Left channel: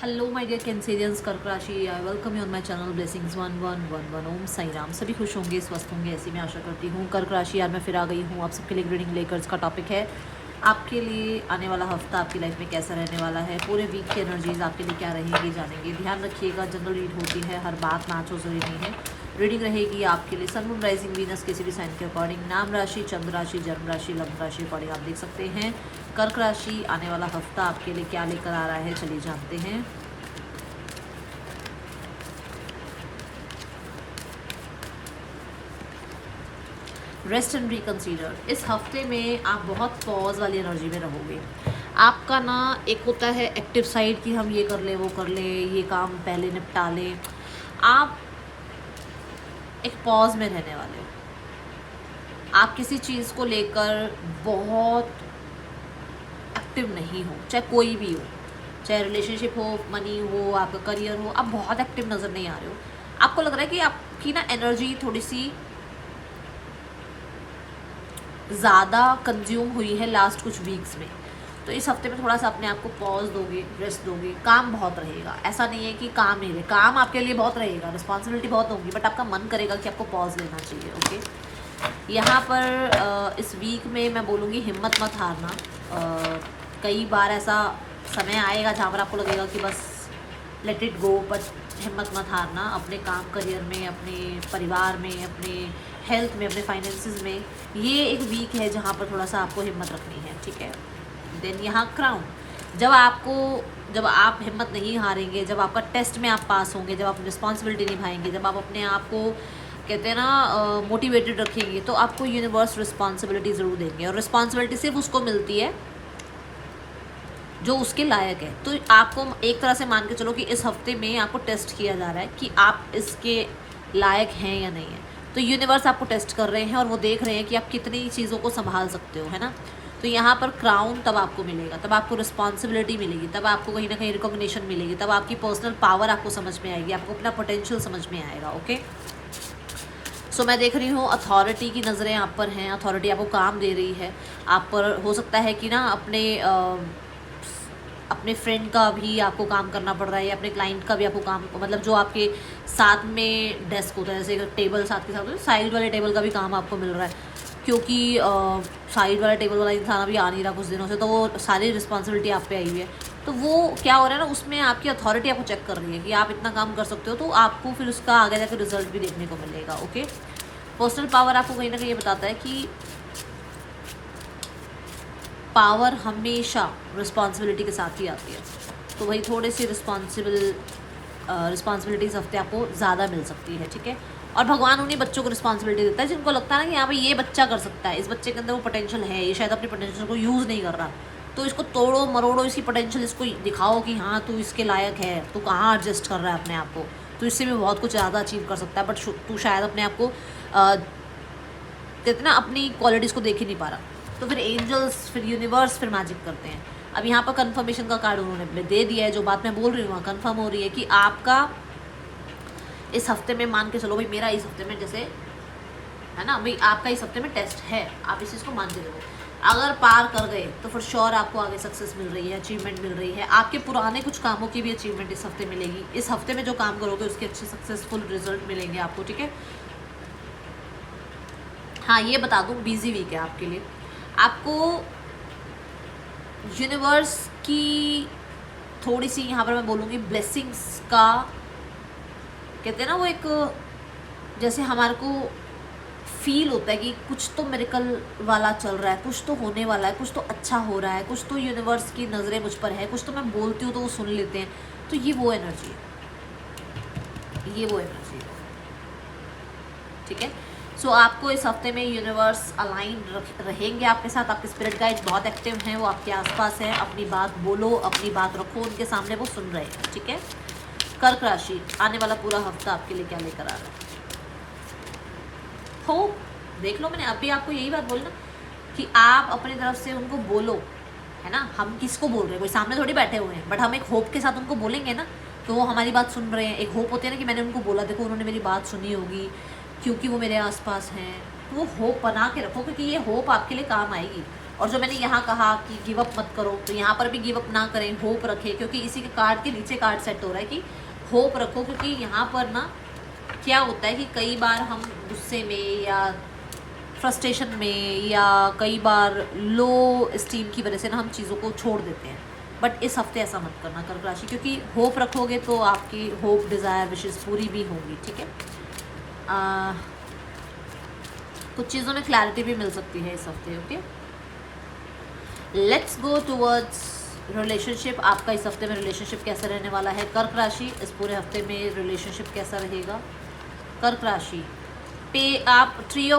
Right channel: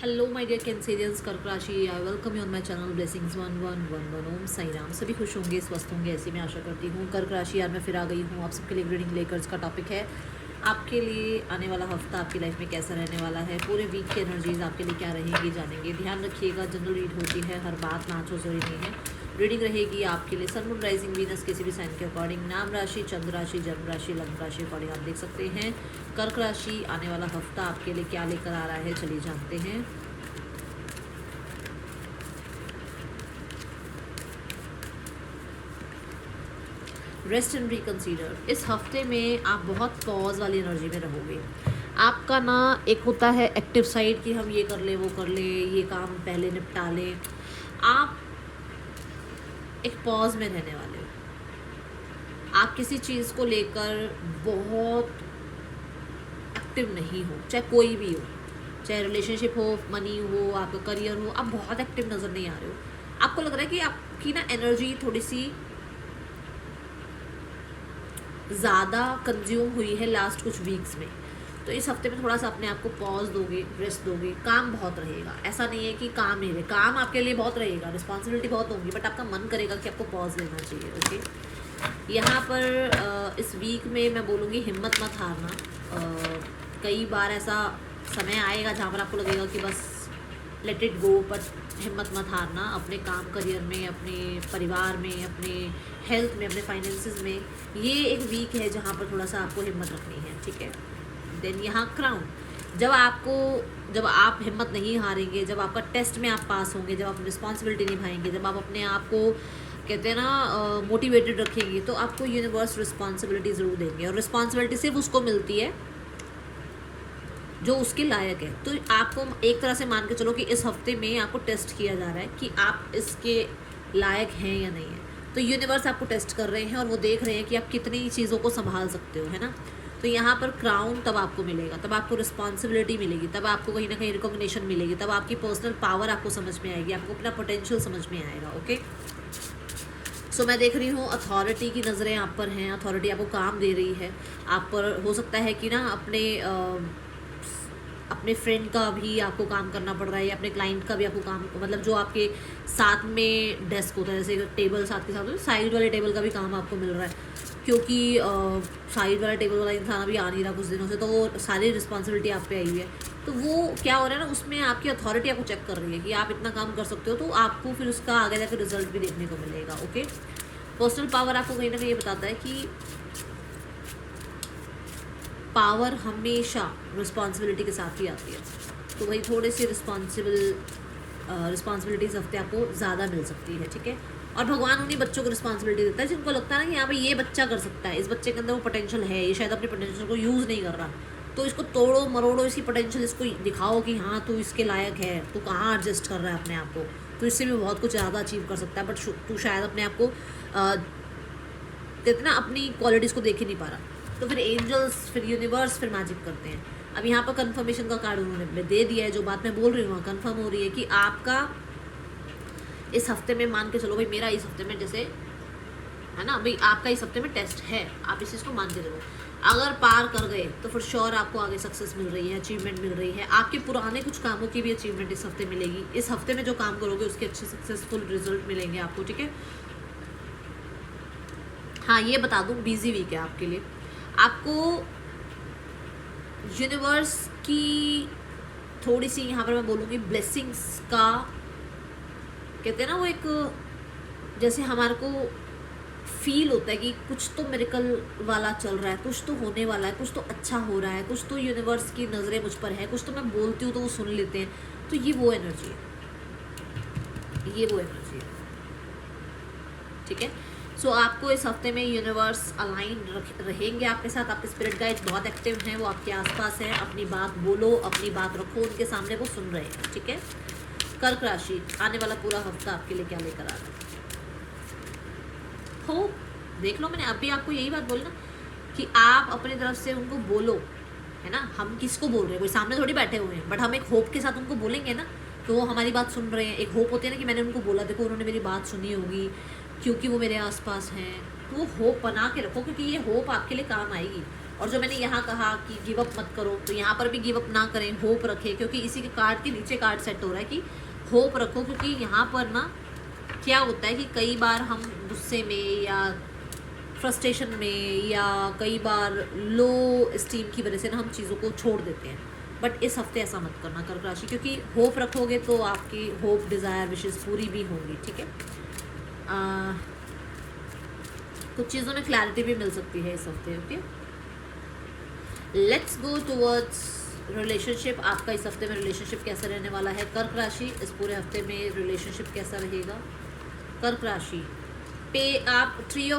Hello my dear Cancerians, कर्क राशि। I welcome you on my channel blessings 1111। ओम साई राम। सभी खुश होंगे, स्वस्थ होंगे, ऐसी मैं आशा करती हूँ। कर्क राशि, आज मैं फिर आ गई हूँ आप सबके लिए रीडिंग लेकर। इसका टॉपिक है आपके लिए आने वाला हफ्ता आपकी लाइफ में कैसा रहने वाला है। पूरे वीक की एनर्जीज आपके लिए क्या रहेंगी जानेंगे। ध्यान रखिएगा, जनरल रीड होती है, हर बात मैच हो जरूरी नहीं है। रीडिंग रहेगी आपके लिए सन मून राइजिंग वीनस किसी भी साइन के अकॉर्डिंग, नाम राशि, चंद्र राशि, जन्म राशि, लग्न राशि अकॉर्डिंग आप देख सकते हैं कर्क राशि आने वाला हफ्ता आपके लिए क्या लेकर आ रहा है। चलिए जानते हैं। Rest and reconsider. इस हफ्ते में आप बहुत पॉज वाली एनर्जी में रहोगे। आपका ना एक होता है एक्टिव साइड कि हम ये कर ले, वो कर ले, ये काम पहले निपटा लें। आप एक पॉज में रहने वाले हो। आप किसी चीज़ को लेकर बहुत एक्टिव नहीं हो, चाहे कोई भी हो, चाहे रिलेशनशिप हो, मनी हो, आपका करियर हो। आप बहुत एक्टिव नज़र नहीं आ रहे हो। आपको लग रहा है कि आपकी ना एनर्जी थोड़ी सी ज़्यादा कंज्यूम हुई है लास्ट कुछ वीक्स में। तो इस हफ्ते में थोड़ा सा अपने आप को पॉज दोगे, रेस्ट दोगे। काम बहुत रहेगा, ऐसा नहीं है कि काम नहीं रहे, काम आपके लिए बहुत रहेगा, रिस्पॉन्सिबिलिटी बहुत होगी, बट आपका मन करेगा कि आपको पॉज लेना चाहिए। ओके, यहाँ पर इस वीक में मैं बोलूँगी हिम्मत मत हारना। कई बार ऐसा समय आएगा जहाँ पर आपको लगेगा कि बस लेट इट गो, बट हिम्मत मत हारना। अपने काम, करियर में, अपने परिवार में, अपने हेल्थ में, अपने फाइनेंसिस में ये एक वीक है जहाँ पर थोड़ा सा आपको हिम्मत रखनी है। ठीक है। देन यहाँ क्राउन। जब आप हिम्मत नहीं हारेंगे, जब आपका टेस्ट में आप पास होंगे, जब आप रिस्पॉन्सिबिलिटी निभाएंगे, जब आप अपने आप को कहते हैं ना मोटिवेटेड रखेंगे, तो आपको यूनिवर्स रिस्पॉन्सिबिलिटी ज़रूर देंगे। और रिस्पॉन्सिबिलिटी सिर्फ उसको मिलती है जो उसके लायक है। तो आपको एक तरह से मान के चलो कि इस हफ्ते में आपको टेस्ट किया जा रहा है कि आप इसके लायक हैं या नहीं है। तो यूनिवर्स आपको टेस्ट कर रहे हैं और वो देख रहे हैं कि आप कितनी चीज़ों को संभाल सकते हो, है ना। तो यहाँ पर क्राउन तब आपको मिलेगा, तब आपको रिस्पॉन्सिबिलिटी मिलेगी, तब आपको कहीं ना कहीं रिकॉग्निशन मिलेगी, तब आपकी पर्सनल पावर आपको समझ में आएगी, आपको अपना पोटेंशियल समझ में आएगा। ओके, सो मैं देख रही हूँ अथॉरिटी की नज़रें आप पर हैं। अथॉरिटी आपको काम दे रही है। आप पर हो सकता है कि ना अपने फ्रेंड का भी आपको काम करना पड़ रहा है, या अपने क्लाइंट का भी आपको काम, मतलब जो आपके साथ में डेस्क होता है, जैसे टेबल साथ के साथ होता है, साइड वाले टेबल का भी काम आपको मिल रहा है। क्योंकि साइड वाला टेबल वाला इंसान अभी आ नहीं रहा कुछ दिनों से, तो वो सारी रिस्पॉन्सिबिलिटी आप पे आई हुई है। तो वो क्या हो रहा है ना, उसमें आपकी अथॉरिटी आपको चेक कर रही है कि आप इतना काम कर सकते हो, तो आपको फिर उसका आगे जाकर रिजल्ट भी देखने को मिलेगा। ओके, पर्सनल पावर आपको कहीं ना कहीं ये बताता है कि पावर हमेशा रिस्पॉन्सिबिलिटी के साथ ही आती है। तो वही थोड़ी सी रिस्पॉन्सिबिलिटीज़ हफ्ते आपको ज़्यादा मिल सकती है। ठीक है। और भगवान उन्हीं बच्चों को रिस्पॉन्सिबिलिटी देता है जिनको लगता है ना कि हाँ भाई ये बच्चा कर सकता है, इस बच्चे के अंदर वो पोटेंशियल है, ये शायद अपने पोटेंशियल को यूज़ नहीं कर रहा। तो इसको तोड़ो मरोड़ो, इसकी पोटेंशियल इसको दिखाओ कि हाँ तू इसके लायक है, तू कहाँ एडजस्ट कर रहा है अपने आप को, तो इससे भी बहुत कुछ ज़्यादा अचीव कर सकता है। बट तू शायद अपने आप को कहते ना अपनी क्वालिटीज़ को देख ही नहीं पा रहा। तो फिर एंजल्स, फिर यूनिवर्स, फिर मैजिक करते हैं। अब यहाँ पर कंफर्मेशन का कार्ड उन्होंने दे दिया है। जो बात मैं बोल रही हूँ वहाँ कंफर्म हो रही है कि आपका इस हफ्ते में, मान के चलो भाई मेरा इस हफ्ते में जैसे है ना भाई, आपका इस हफ्ते में टेस्ट है, आप इस चीज़ को मान के चलो। अगर पार कर गए तो फिर श्योर आपको आगे सक्सेस मिल रही है, अचीवमेंट मिल रही है। आपके पुराने कुछ कामों की भी अचीवमेंट इस हफ्ते मिलेगी। इस हफ्ते में जो काम करोगे उसके अच्छे सक्सेसफुल रिजल्ट मिलेंगे आपको। ठीक है। हाँ, ये बता दूँ बिजी वीक है आपके लिए। आपको यूनिवर्स की थोड़ी सी यहाँ पर मैं बोलूँगी ब्लेसिंग्स का, कहते हैं ना वो एक, जैसे हमारे को फील होता है कि कुछ तो मिरेकल वाला चल रहा है, कुछ तो होने वाला है, कुछ तो अच्छा हो रहा है, कुछ तो यूनिवर्स की नज़रें मुझ पर है, कुछ तो मैं बोलती हूँ तो वो सुन लेते हैं। तो ये वो एनर्जी है, ये वो एनर्जी है। ठीक है। सो आपको इस हफ्ते में यूनिवर्स अलाइन रहेंगे आपके साथ। आपके स्पिरिट गाइड बहुत एक्टिव हैं, वो आपके आसपास हैं। अपनी बात बोलो, अपनी बात रखो उनके सामने, वो सुन रहे हैं। ठीक है। कर्क राशि, आने वाला पूरा हफ्ता आपके लिए क्या लेकर आ रहा है। होप देख लो, मैंने अभी आपको यही बात बोली ना कि आप अपनी तरफ से उनको बोलो, है ना। हम किसको बोल रहे हैं, कोई सामने थोड़ी बैठे हुए हैं, बट हम एक होप के साथ उनको बोलेंगे ना, तो वो हमारी बात सुन रहे हैं। एक होप होती है ना कि मैंने उनको बोला, देखो उन्होंने मेरी बात सुनी होगी क्योंकि वो मेरे आसपास हैं। तो वो होप बना के रखो, क्योंकि ये होप आपके लिए काम आएगी। और जो मैंने यहाँ कहा कि गिव अप मत करो, तो यहाँ पर भी गिव अप ना करें, होप रखें, क्योंकि इसी के कार्ड के नीचे कार्ड सेट हो रहा है कि होप रखो, क्योंकि यहाँ पर ना क्या होता है कि कई बार हम गुस्से में या फ्रस्ट्रेशन में या कई बार लो स्टीम की वजह से ना हम चीज़ों को छोड़ देते हैं। बट इस हफ्ते ऐसा मत करना कर्क राशि, क्योंकि होप रखोगे तो आपकी होप, डिज़ायर, विशेष पूरी भी होंगी। ठीक है, कुछ चीज़ों में क्लैरिटी भी मिल सकती है इस हफ्ते। Okay, let's go towards relationship. आपका इस हफ्ते में रिलेशनशिप कैसा रहने वाला है कर्क राशि? इस पूरे हफ्ते में रिलेशनशिप कैसा रहेगा कर्क राशि? आप 4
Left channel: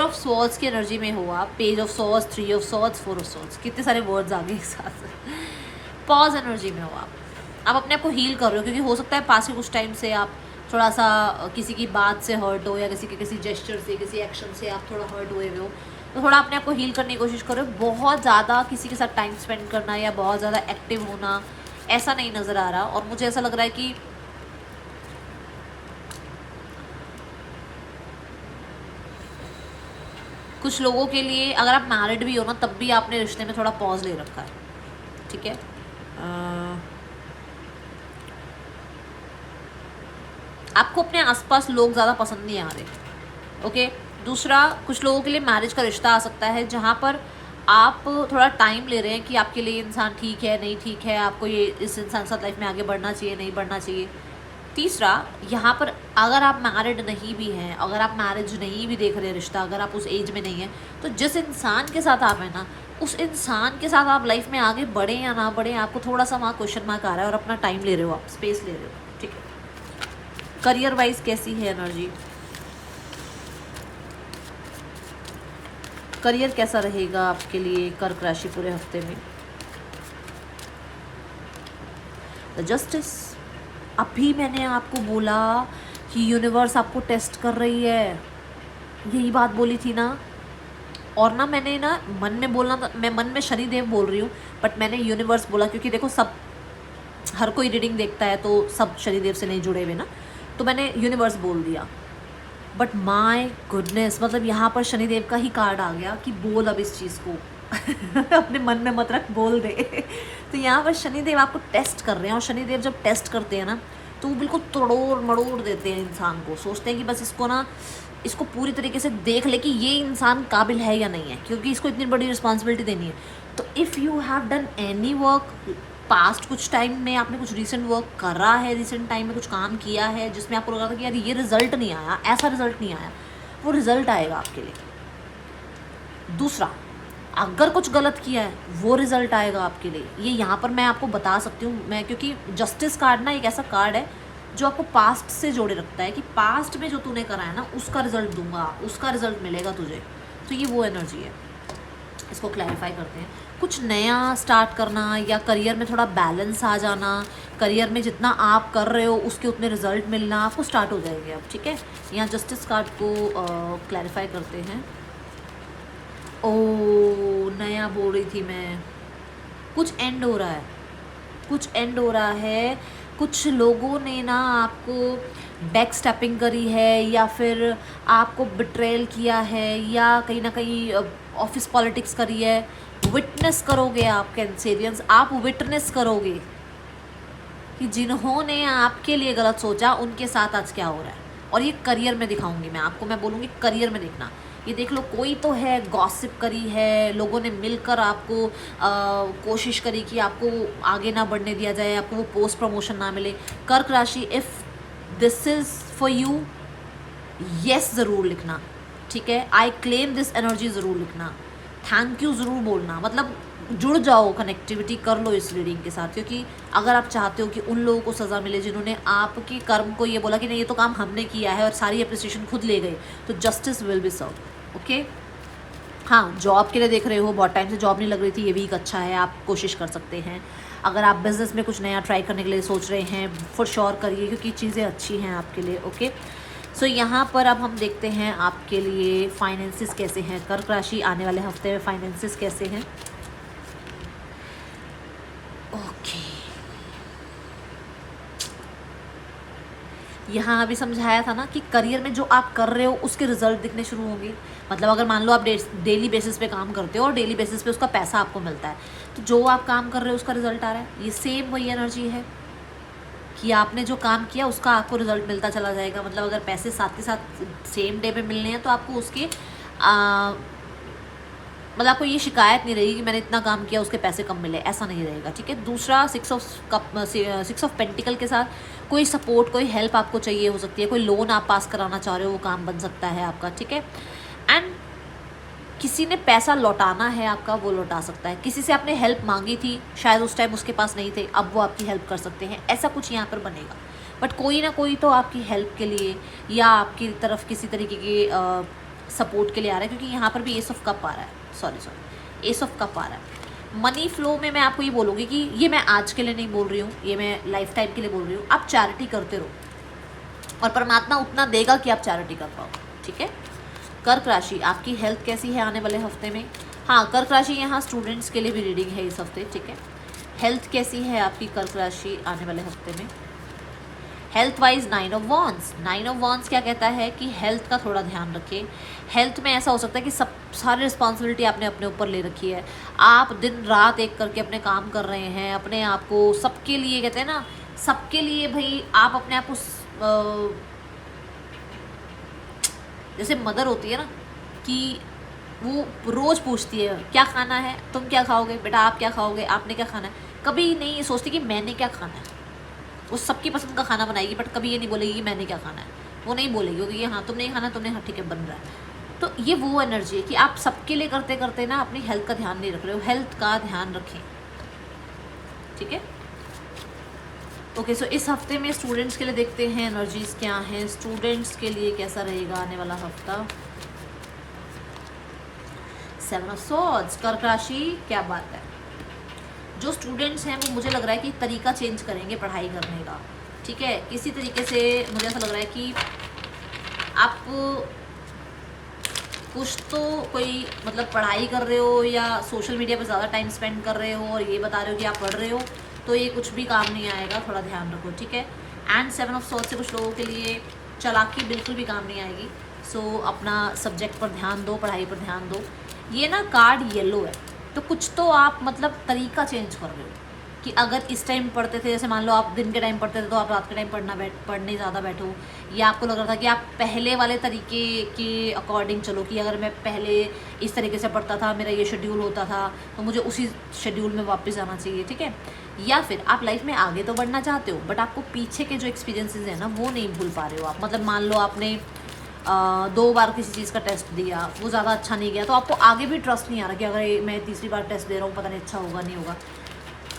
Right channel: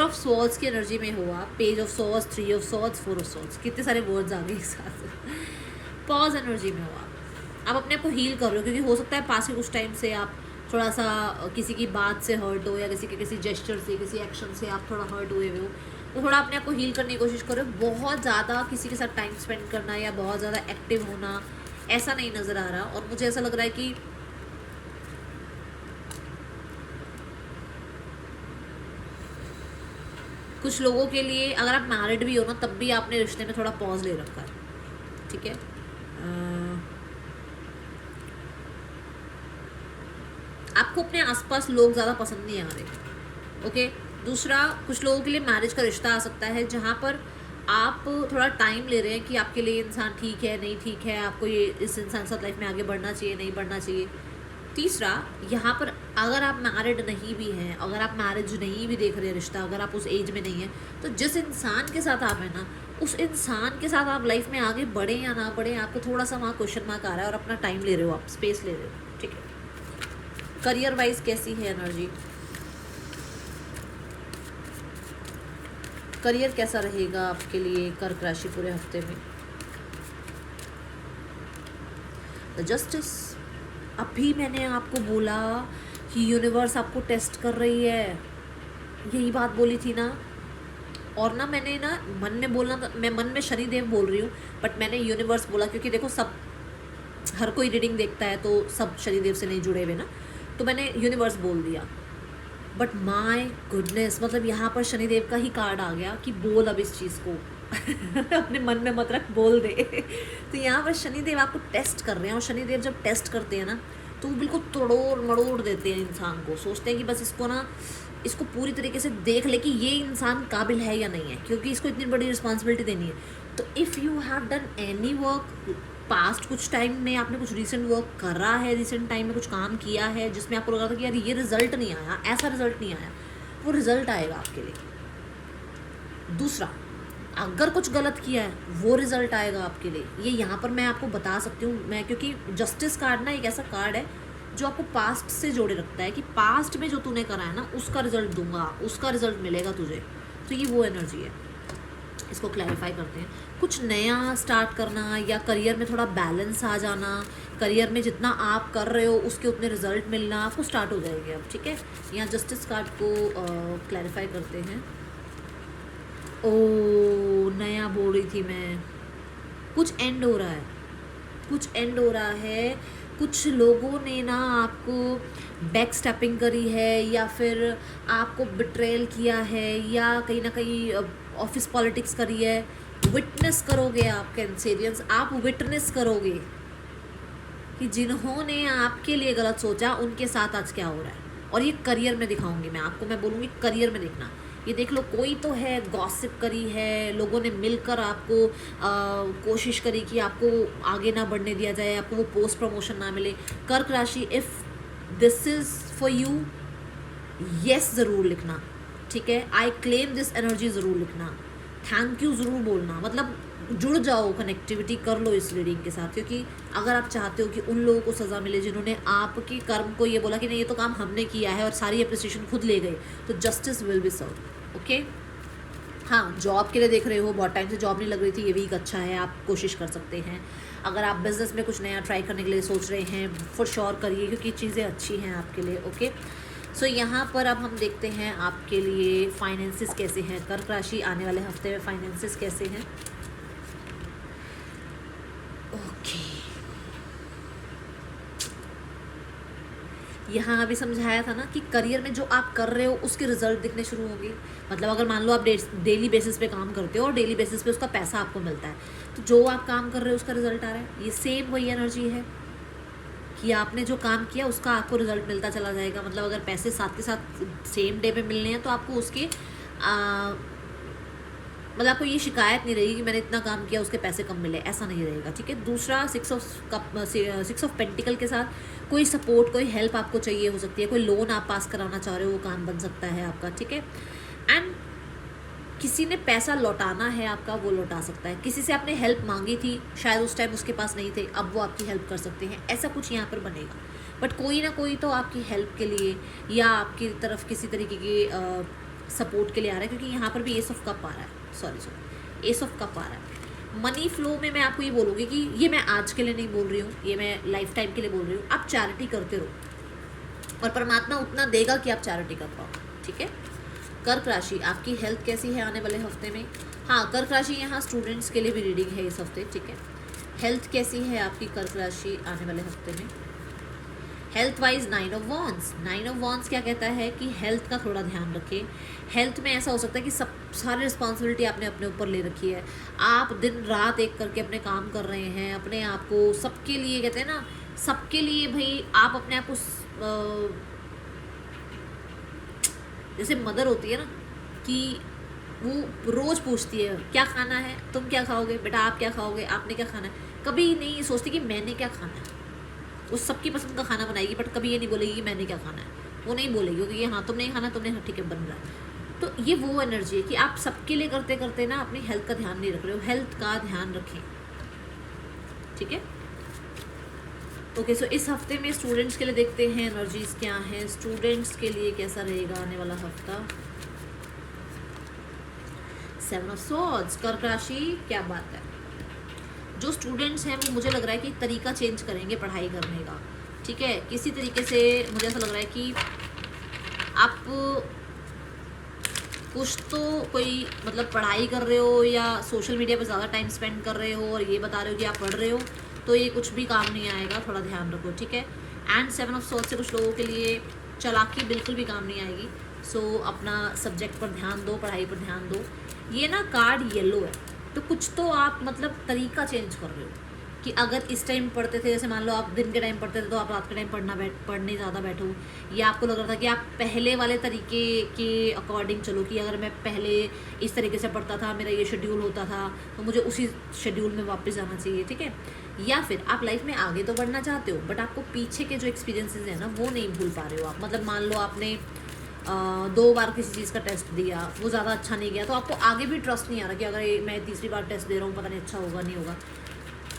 ऑफ स्वॉर्ड्स की एनर्जी में हो आप, page of swords, 3 of swords, 4 of swords, कितने सारे वर्ड्स आ गए एक साथ। पॉज एनर्जी में हो आप अपने आप को हील कर रहे हो, क्योंकि हो सकता है पास के कुछ टाइम से आप थोड़ा सा किसी की बात से हर्ट हो, या किसी जेस्चर से, किसी एक्शन से आप थोड़ा हर्ट हुए हो, तो थोड़ा अपने आप को हील करने की कोशिश करो। बहुत ज़्यादा किसी के साथ टाइम स्पेंड करना या बहुत ज़्यादा एक्टिव होना ऐसा नहीं नज़र आ रहा, और मुझे ऐसा लग रहा है कि कुछ लोगों के लिए, अगर आप मैरिड भी हो ना, तब भी आपने रिश्ते में थोड़ा पॉज ले रखा है। ठीक है, आपको अपने आसपास लोग ज़्यादा पसंद नहीं आ रहे। ओके, दूसरा, कुछ लोगों के लिए मैरिज का रिश्ता आ सकता है जहाँ पर आप थोड़ा टाइम ले रहे हैं कि आपके लिए इंसान ठीक है नहीं ठीक है, आपको ये इस इंसान के साथ लाइफ में आगे बढ़ना चाहिए नहीं बढ़ना चाहिए। तीसरा, यहाँ पर अगर आप मैरिड नहीं भी हैं, अगर आप मैरिज नहीं भी देख रहे हैं रिश्ता, अगर आप उस एज में नहीं हैं, तो जिस इंसान के साथ आप हैं ना, उस इंसान के साथ आप लाइफ में आगे बढ़ें या ना बढ़ें, आपको थोड़ा सा वहाँ क्वेश्चन मार्क आ रहा है और अपना टाइम ले रहे हो, आप स्पेस ले रहे हो। ठीक है, करियर वाइज कैसी है एनर्जी? करियर कैसा रहेगा आपके लिए कर्क राशि पूरे हफ्ते में? The justice. अभी मैंने आपको बोला कि यूनिवर्स आपको टेस्ट कर रही है, यही बात बोली थी ना। और ना मैंने ना मन में बोलना, मैं मन में शनिदेव बोल रही हूँ, बट मैंने यूनिवर्स बोला, क्योंकि देखो सब, हर कोई रीडिंग देखता है तो सब शनिदेव से नहीं जुड़े हुए ना, तो मैंने यूनिवर्स बोल दिया। बट माय गुडनेस, मतलब यहाँ पर शनिदेव का ही कार्ड आ गया कि बोल अब इस चीज़ को अपने मन में मत रख, बोल दे। तो यहाँ पर शनिदेव आपको टेस्ट कर रहे हैं, और शनिदेव जब टेस्ट करते हैं ना, तो वो बिल्कुल तोड़ मड़ोड़ देते हैं इंसान को। सोचते हैं कि बस इसको पूरी तरीके से देख ले कि ये इंसान काबिल है या नहीं है, क्योंकि इसको इतनी बड़ी रिस्पॉन्सिबिलिटी देनी है। तो if you have done any work past, कुछ टाइम में आपने कुछ रिसेंट वर्क करा है, रिसेंट टाइम में कुछ काम किया है जिसमें आपको लगा था कि यार ये रिजल्ट नहीं आया, ऐसा रिजल्ट नहीं आया, वो रिजल्ट आएगा आपके लिए। दूसरा, अगर कुछ गलत किया है, वो रिजल्ट आएगा आपके लिए। ये यहाँ पर मैं आपको बता सकती हूँ मैं, क्योंकि जस्टिस कार्ड ना एक ऐसा कार्ड है जो आपको पास्ट से जोड़े रखता है, कि पास्ट में जो तूने करा है ना, उसका रिजल्ट दूंगा, उसका रिजल्ट मिलेगा तुझे। तो ये वो एनर्जी है। इसको क्लैरिफाई करते हैं। कुछ नया स्टार्ट करना, या करियर में थोड़ा बैलेंस आ जाना, करियर में जितना आप कर रहे हो उसके उतने रिजल्ट मिलना आपको स्टार्ट हो जाएंगे अब। ठीक है, यहाँ जस्टिस कार्ड को क्लैरिफाई करते हैं। ओ, नया बोल रही थी मैं, कुछ एंड हो रहा है, कुछ एंड हो रहा है। कुछ लोगों ने ना आपको बैक स्टेपिंग करी है, या फिर आपको बिट्रेल किया है, या कहीं ना कहीं ऑफिस पॉलिटिक्स करी है। विटनेस करोगे आप कैंसेरियंस, आप विटनेस करोगे कि जिन्होंने आपके लिए गलत सोचा उनके साथ आज क्या हो रहा है। और ये करियर में दिखाऊंगी मैं आपको, मैं बोलूँगी करियर में देखना। ये देख लो, कोई तो है, गॉसिप करी है, लोगों ने मिलकर आपको कोशिश करी कि आपको आगे ना बढ़ने दिया जाए, आपको वो पोस्ट प्रमोशन ना मिले। कर्क राशि, if this is for you, yes ज़रूर लिखना। ठीक है, आई क्लेम दिस एनर्जी ज़रूर लिखना, थैंक यू ज़रूर बोलना, मतलब जुड़ जाओ, कनेक्टिविटी कर लो इस रीडिंग के साथ। क्योंकि अगर आप चाहते हो कि उन लोगों को सज़ा मिले जिन्होंने आपके कर्म को ये बोला कि नहीं ये तो काम हमने किया है, और सारी अप्रिसिएशन खुद ले गए, तो justice will be serve. Okay, हाँ, जॉब के लिए देख रहे हो, बहुत टाइम से जॉब नहीं लग रही थी, ये वीक अच्छा है, आप कोशिश कर सकते हैं। अगर आप बिज़नेस में कुछ नया ट्राई करने के लिए सोच रहे हैं, फॉर श्योर करिए, क्योंकि चीज़ें अच्छी हैं आपके लिए। ओके, सो यहाँ पर अब हम देखते हैं आपके लिए फाइनेंसिस कैसे हैं। कर्क राशि, आने वाले हफ्ते में फाइनेंसिस कैसे हैं? ओके, यहाँ अभी समझाया था ना कि करियर में जो आप कर रहे हो उसके रिजल्ट दिखने शुरू होंगे। मतलब अगर मान लो आप डेली बेसिस पे काम करते हो और डेली बेसिस पे उसका पैसा आपको मिलता है, तो जो आप काम कर रहे हो उसका रिजल्ट आ रहा है। ये सेम वही एनर्जी है कि आपने जो काम किया उसका आपको रिजल्ट मिलता चला जाएगा। मतलब अगर पैसे साथ के साथ सेम डे पे मिलने हैं तो आपको उसके मतलब आपको ये शिकायत नहीं रहेगी कि मैंने इतना काम किया उसके पैसे कम मिले, ऐसा नहीं रहेगा। ठीक है। दूसरा, 6 ऑफ पेंटिकल के साथ कोई सपोर्ट, कोई हेल्प आपको चाहिए हो सकती है, कोई लोन आप पास कराना चाह रहे हो, वो काम बन सकता है आपका। ठीक है। एंड किसी ने पैसा लौटाना है आपका, वो लौटा सकता है। किसी से आपने हेल्प मांगी थी, शायद उस टाइम उसके पास नहीं थे, अब वो आपकी हेल्प कर सकते हैं, ऐसा कुछ यहाँ पर बनेगा। बट कोई ना कोई तो आपकी हेल्प के लिए या आपकी तरफ किसी तरीके की सपोर्ट के लिए आ रहा है, क्योंकि यहाँ पर भी एस ऑफ कप आ रहा है, सॉरी एस ऑफ कप आ रहा है। मनी फ्लो में मैं आपको ये बोलूँगी कि ये मैं आज के लिए नहीं बोल रही हूँ, ये मैं लाइफ टाइम के लिए बोल रही हूँ। आप चैरिटी करते रहो और परमात्मा उतना देगा कि आप चैरिटी कर पाओ। ठीक है। कर्क राशि, आपकी हेल्थ कैसी है आने वाले हफ्ते में? हाँ, कर्क राशि यहाँ स्टूडेंट्स के लिए भी रीडिंग है इस हफ्ते। ठीक है। हेल्थ कैसी है आपकी कर्क राशि आने वाले हफ्ते में? Health wise 9 of wands. 9 of wands क्या कहता है कि हेल्थ का थोड़ा ध्यान रखें। हेल्थ में ऐसा हो सकता है कि सब सारी रिस्पॉन्सिबिलिटी आपने अपने ऊपर ले रखी है, आप दिन रात एक करके अपने काम कर रहे हैं, अपने आप को सबके लिए, कहते हैं ना, सबके लिए भाई आप अपने आप को जैसे मदर होती है ना कि वो रोज़ पूछती है क्या खाना है, तुम क्या खाओगे बेटा, आप क्या खाओगे, आपने क्या खाना है। कभी नहीं सोचती कि मैंने क्या खाना है। वो सबकी पसंद का खाना बनाएगी, बट कभी ये नहीं बोलेगी कि मैंने क्या खाना है। वो नहीं बोलेगी क्योंकि ये हाँ तुम नहीं खाना, तुमने हाँ ठीक है बन रहा है। तो ये वो एनर्जी है कि आप सबके लिए करते करते ना अपनी हेल्थ का ध्यान नहीं रख रहे हो। हेल्थ का ध्यान रखें। ठीक है। ओके, सो इस हफ्ते में स्टूडेंट्स के लिए देखते हैं एनर्जीज क्या हैं। स्टूडेंट्स के लिए कैसा रहेगा आने वाला हफ्ता? 7 ऑफ सॉर्ड्स, कर्क राशि, क्या बात है। जो स्टूडेंट्स हैं वो मुझे लग रहा है कि तरीका चेंज करेंगे पढ़ाई करने का। ठीक है। किसी तरीके से मुझे ऐसा लग रहा है कि आप कुछ तो कोई मतलब पढ़ाई कर रहे हो या सोशल मीडिया पर ज़्यादा टाइम स्पेंड कर रहे हो और ये बता रहे हो कि आप पढ़ रहे हो, तो ये कुछ भी काम नहीं आएगा, थोड़ा ध्यान रखो। ठीक है। एंड 7 ऑफ सॉर्ड्स से कुछ लोगों के लिए चालाकी बिल्कुल भी काम नहीं आएगी। सो अपना सब्जेक्ट पर ध्यान दो, पढ़ाई पर ध्यान दो। ये ना कार्ड येलो है, तो कुछ तो आप मतलब तरीका चेंज कर रहे हो कि अगर इस टाइम पढ़ते थे, जैसे मान लो आप दिन के टाइम पढ़ते थे तो आप रात के टाइम पढ़ने ज़्यादा बैठो, या आपको लग रहा था कि आप पहले वाले तरीके के अकॉर्डिंग चलो कि अगर मैं पहले इस तरीके से पढ़ता था, मेरा ये शेड्यूल होता था, तो मुझे उसी शेड्यूल में वापस आना चाहिए। ठीक है। या फिर आप लाइफ में आगे तो बढ़ना चाहते हो, बट आपको पीछे के जो एक्सपीरियंसेस हैं ना वो नहीं भूल पा रहे हो आप। मतलब मान लो आपने 2 बार किसी चीज़ का टेस्ट दिया, वो ज़्यादा अच्छा नहीं गया, तो आपको आगे भी ट्रस्ट नहीं आ रहा कि अगर मैं तीसरी बार टेस्ट दे रहा हूँ पता नहीं अच्छा होगा नहीं होगा।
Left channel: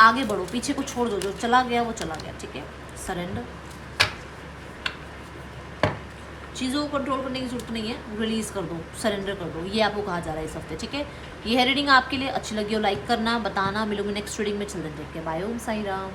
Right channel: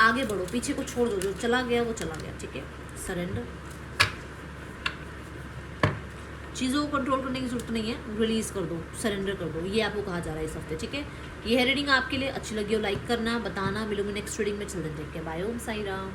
आगे बढ़ो, पीछे को छोड़ दो, जो चला गया वो चला गया। ठीक है। सरेंडर, चीज़ों को कंट्रोल करने की जरूरत नहीं है, रिलीज कर दो, सरेंडर कर दो, ये आपको कहा जा रहा है इस हफ्ते। ठीक है। ये है रीडिंग आपके लिए। अच्छी लगी हो लाइक करना, बताना। मिलूंगी नेक्स्ट रीडिंग में। चलते हैं, बाय। ओम साई राम।